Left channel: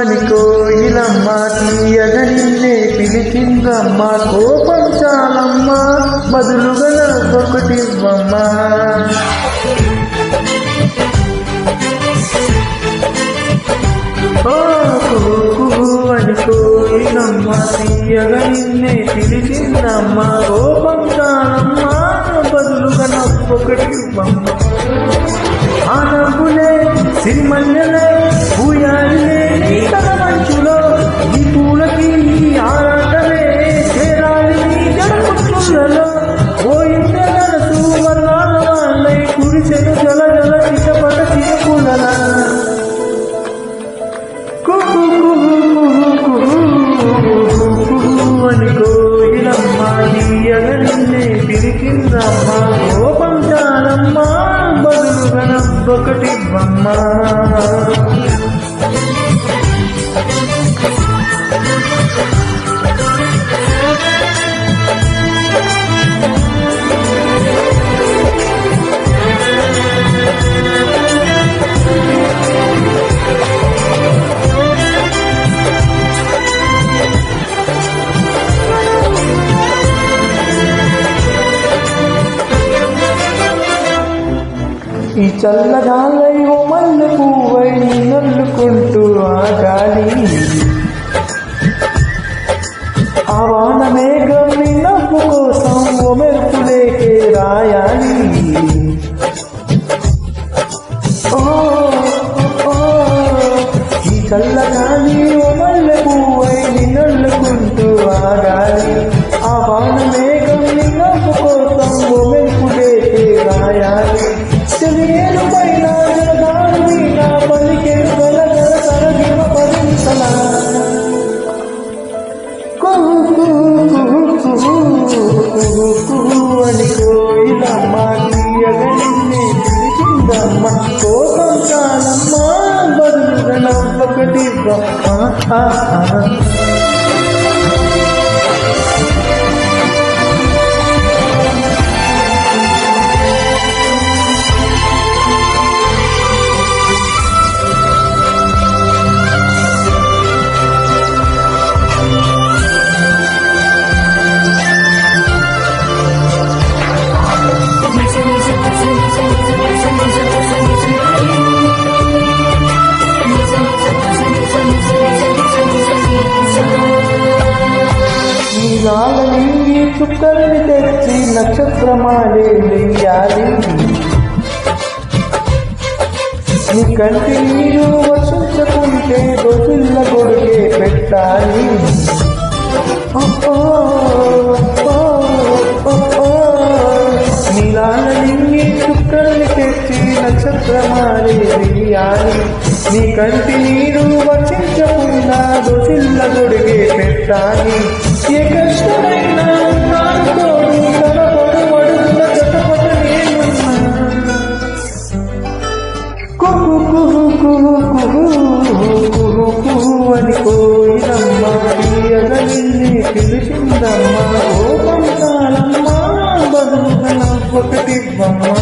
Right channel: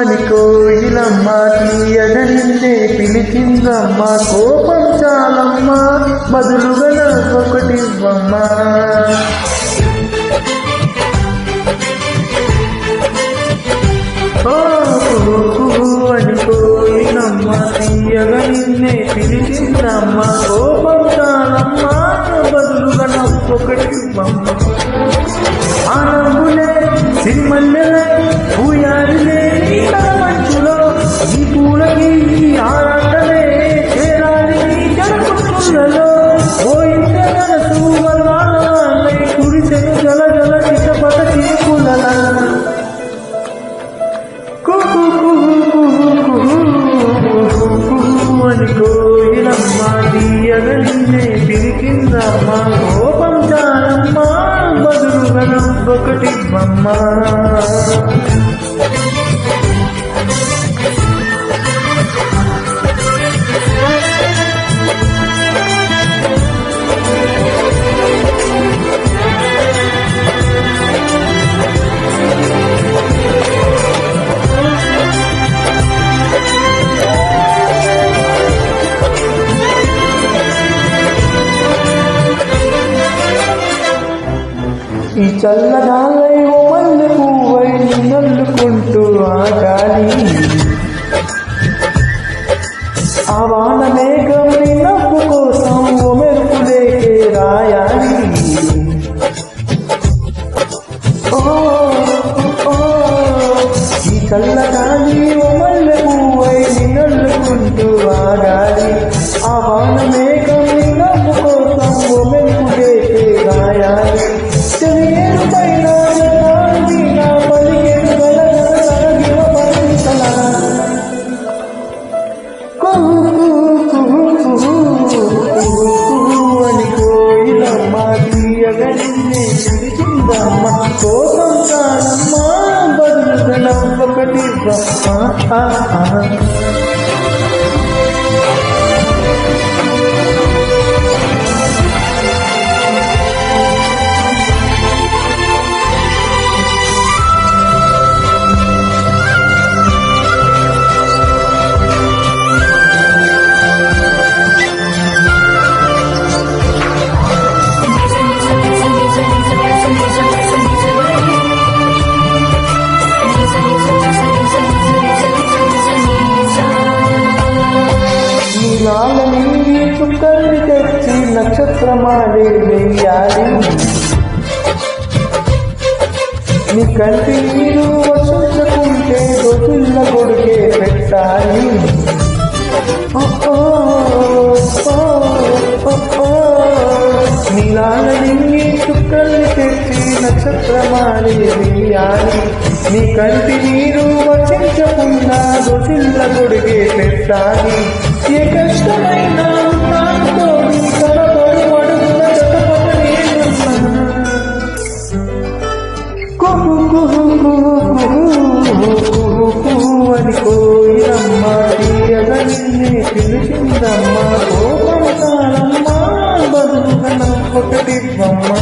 అని కోయిలమ్మ తీయగా నిన్నే పిలిచిందమ్మ. కోపం చాలమ్మా బదులుగా నవ్వొకటివ్వమ్మా. అని కోయిలమ్మ తీయగా నిన్నే పిలిచిందమ్మ. కోపం చాలమ్మా బదులుగా నవ్వొకటివ్వమ్మా. ఆ నవ్వులే సిరిమల్లెలే పూయాలిలే నీ తల మంచులో. ఈ పూలకి ఈ ఆరాటమే చేరాలి నీ జడకుట్లలో. పోయిందే మనసు వర్ణాల వాళ్ళై కురిసెను జల జల చిటపట చినుకులల. కుహు కుహు కుహు కుహు కుహు అని కోయిలమ్మ తీయగా నిన్నే పిలిచిందమ్మా. కోపం చాలమ్మా బదులుగా నవ్వొకటివ్వమ్మా. ఈ చల్లగాలై ఓ మల్లె పువ్వై నిన్నల్లుకుంటూ ఆ గాలి. ఆ వాన మేఘం నీ నవ్వు కోసం ఓ మెరుపులేకే రాయాలి. ఈ చల్లగాలి ఓ మల్లె పువ్వై నిన్నల్లుకుంటూ ఆ గాలి. ఆ వాన మేఘం నీ నవ్వు కోసం ఓ మెరుపులేకే రాయాలి. తెలియను పైన జగారు వీణ పలికెను గల గల తరగివ పరిసల. కుహు కుహు కుహు కుహు కుహు అని కోయిలమ్మ తీయగా నిన్నే పిలిచిందమ్మ. కోపం చాలమ్మా బదులుగా నవ్వొకటివ్వమ్మా. నీలాల నింగి చుక్కల్ని తెచ్చి నక్షత్రమాలే వెయ్యాలి. నీ కంటి నీరు వర్షించకుంటే దోషుల్ల గొడుగే పెట్టాలి. నీలాల నింగి చుక్కల్ని తెచ్చి నక్షత్రమాలే వెయ్యాలి. నీ కంటి నీరు వర్షించకుండా దోషుల్ల గొడుగే పెట్టాలి. ఏ కష్టమైనా నాను తోడు కనపడు అడుగుల చటపట నేనున్నా. కుహు కుహు కుహు కుహు కుహు కుహు అని కోయిలమ్మ తీయగా నిన్నే పిలిచిందమ్మా. కోపం చాలమ్మా బదులుగా నవ్వొకటివ్వమ్మా.